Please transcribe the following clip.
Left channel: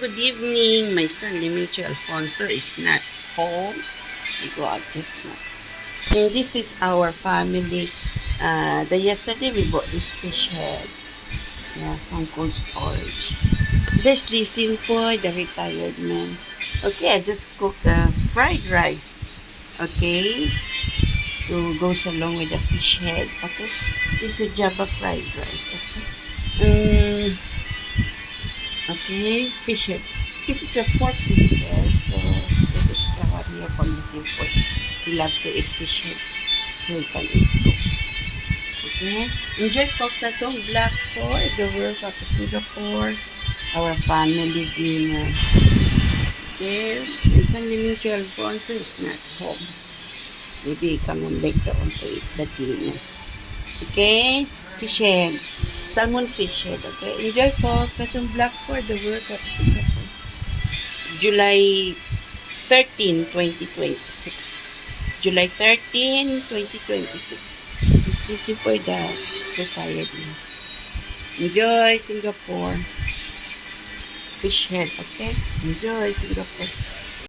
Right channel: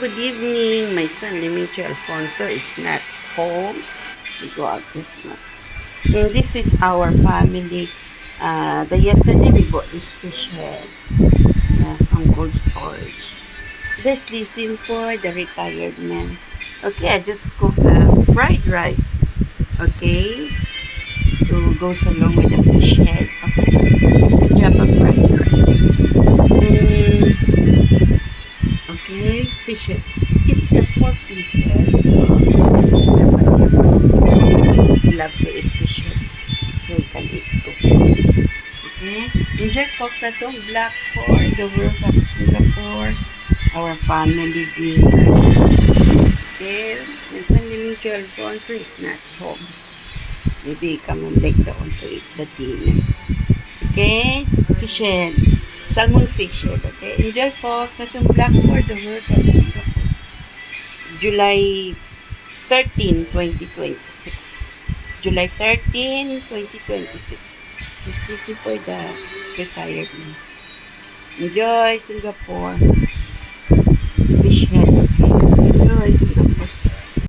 Good evening. My son, Limincho Alfonso, is not home. We go out just now. And this is our family. Yesterday we bought this fish head from cold storage. There's Lising po, the retired man. Okay, I just cooked fried rice. Okay, to goes along with the fish head. Okay, this is a Java fried rice. Okay, fish head. It is a 4 pieces. So, this is the one here for Singapore. He love to eat fish head. So, he can eat too. Okay? Enjoy folks at home. Black for the World Cup Singapore. Our family dinner. Okay? And San Limincho Alfonso is not home. Maybe he come home later on to eat the dinner. Okay? Fish head. Salmon fish head, okay? Enjoy folks at yung Black for the World Cup Singapore. July 13, 2026. July 13, 2026. This is for the retired man. Enjoy Singapore. Fish head, okay? Enjoy Singapore.